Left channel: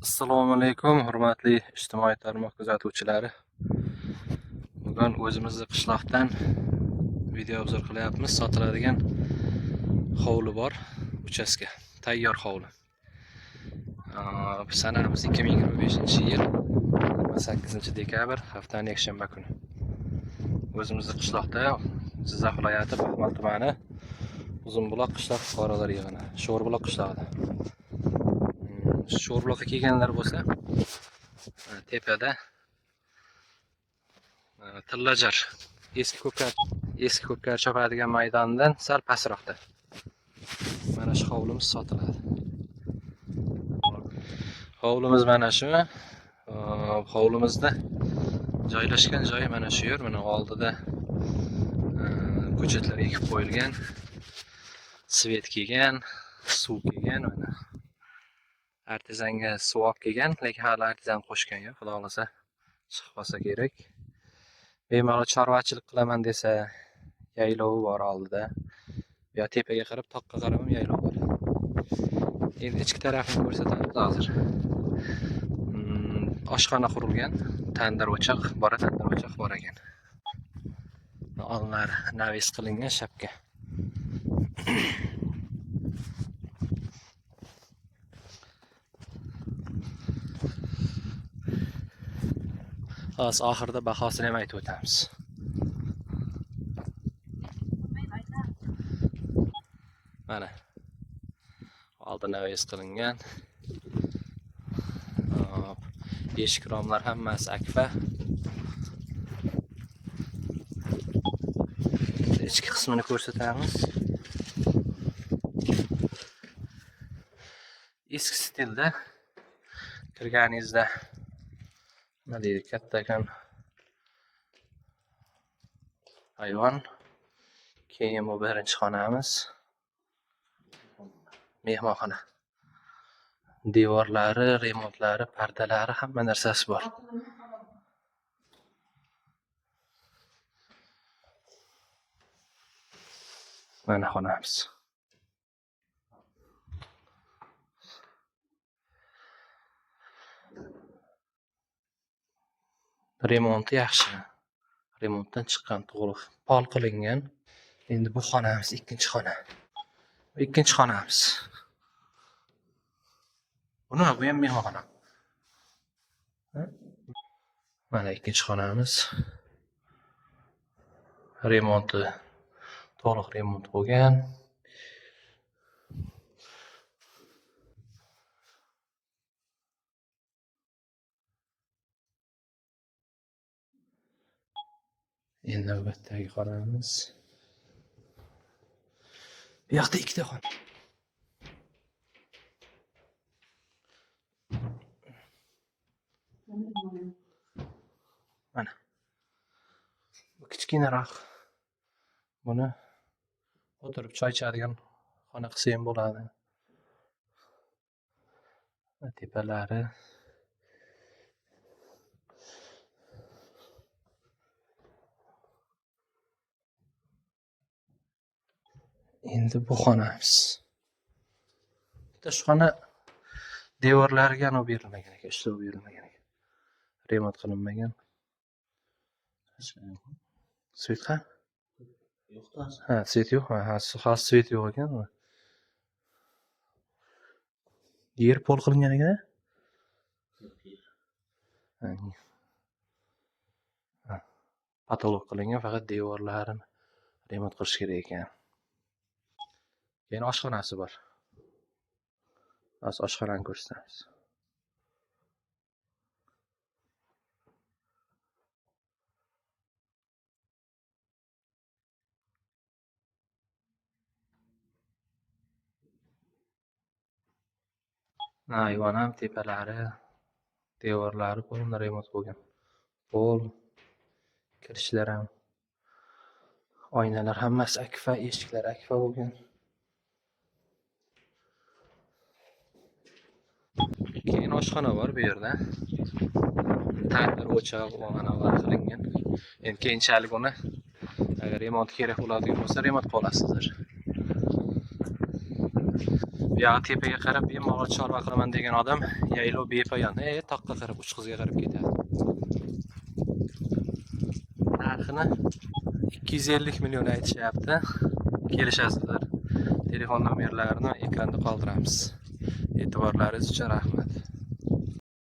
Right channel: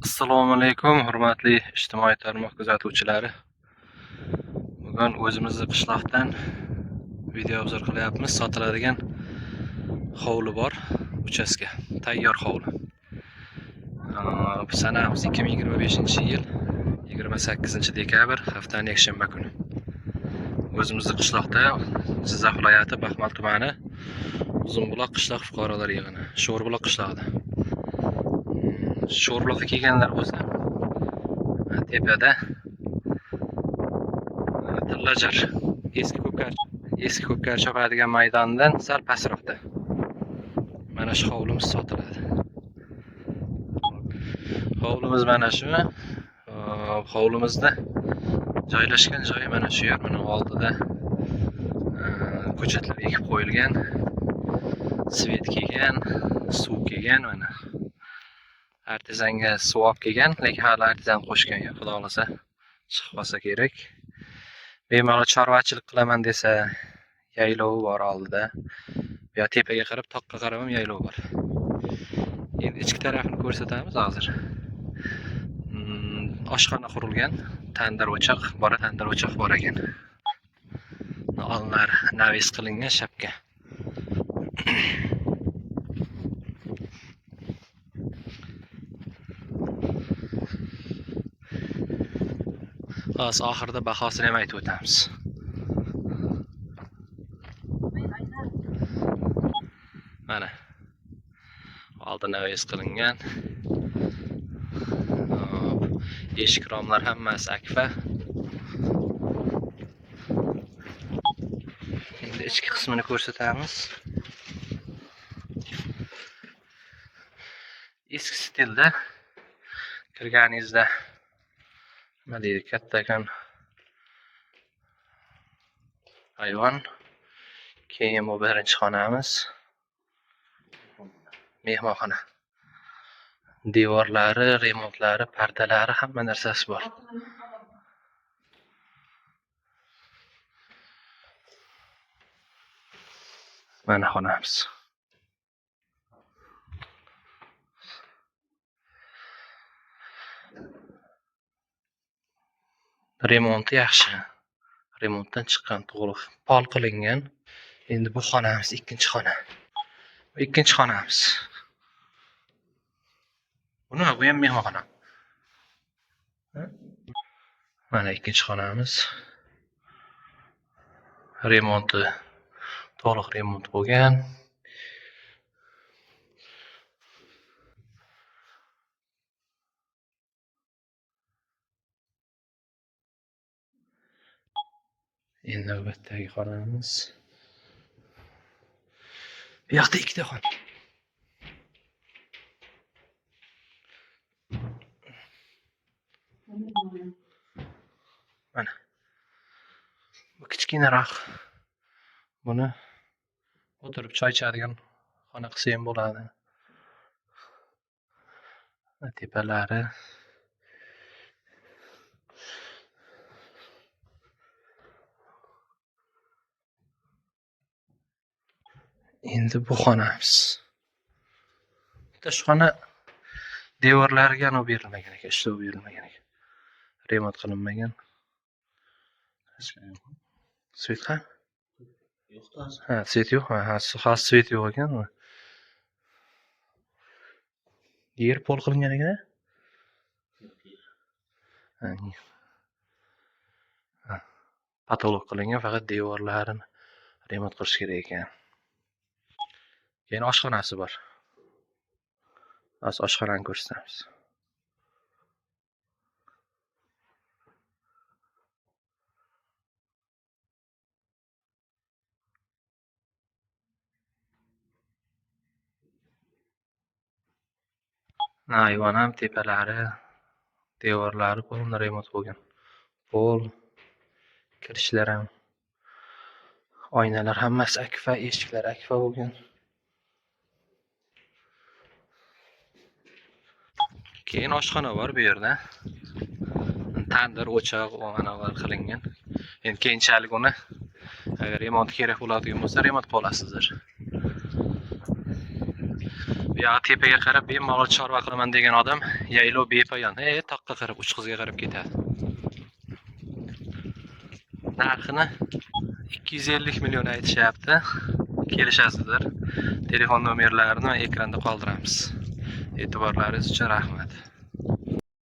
Assalomu alaykum, hurmatli ijtimoiy tarmoq kuzatuvchilari. Bugun o'zimizni qishloqdan video obzor qilyapmiz. Sotiladigan hovli bor, uchastka, tayyor hovli. Sanamiz 2025-yil 28-dekabr, haftaning yakshanba kuni. O'zimizni qishloqda, Jizzax viloyati Baxmal tumani Uzunbuloq qishloq fuqarolar yig'ini, Sho'rbuloq qishlog'ida. Sho'rbuloqqa kelganlar bo'lsa, tepada Tillajar eski ko'pkar chopadigan maydondan sal pastroqda. Mana shu hovlimiz sotiladi. Hovlimiz mana shu. Hovlimizda joylashgan joyi mana shu yer. Mana oldida ko'chatlar ekib qo'yilgan, svet kelgan, suv kelgan, mana artezanga suv olib kelgan, lekin hali artezan qo'shgan yo'q. Xudo xolasa chiqib qolsa kerak. Bemalol chorvachilik qilaman desa, yaylovi bor oldida. Bu yoq tepaga qarab, toqqa qarab ham yaylov bor. Endi ichki tarafni ko'rsatamiz hozir. Oshxona qurilgan, tandir o'choq bor ekan. Oldinlari navis qilingan shapka. Hozir oxirida bahosini ham aytib o'tamiz. Mana oldi navis qilingan. Eshik romlar hammasi akfa. Endi ichki qismini ko'rsatamiz. Eski stilda kirganingizda nima deydi, kattakan ayvon. Keyin bu birinchi xonamiz. Mehmonxona. Devorlari, remontlari, pardalari, hamma narsasi bor. Mana xonamiz. Remonti yaxshi. Remontdan chiqqan, to'g'ri pol qilingan. Endi bu xonamiz, ikkinchi xona. Ikkinchi xonamiz. Bu ham mehmonxona. Mana ikkinchi xonamiz. Remonti, to'liq remont bo'lgan. Endi navbatdagi xonamiz. Bu yoqda ikkita xona. Mana. Bu kichkinaroq. Buni o'tirib choy ichadigan xona qilsa ham bo'ladi. Tepalari. Endi bu xonamiz. Shu xona devorlariga ham berilmagan ekan, ishlov berilmagan ekan. Remont qilinmagan. Svet ham? Ha, svet yo'q. Ha, svet yo'q ekan. Yer pol qilingan ekan. Patolog qilingan, faqat devorlarini remont qilish kerak ekan. Keyin oshxonasi bor. Hozir oshxonani ko'rsatamiz. Ayvon ham tepalari, devorlari qo'lda remont bo'lgan. Pol, kirishlar ham, oynalar hammasi akfa, eshiklar akfa bo'lgan. Keyin oshxona bor bu yerda. Tandir o'choq va manavar qilingan. Endi keyinchalik uni agar remont kerak bo'ladigan bo'lsa, remont qilasizlar. Bu buyog'i tepaga qarab bemalol chorva qilaman degan odam yaylov bepoyon toqqa qarab uch qizga qarab ketadi. Narxini 250 million aytishyapti. Kelishasizlar. Telefon nomerlarini ekranda qoldiramiz. E'tiborlaringiz uchun rahmat.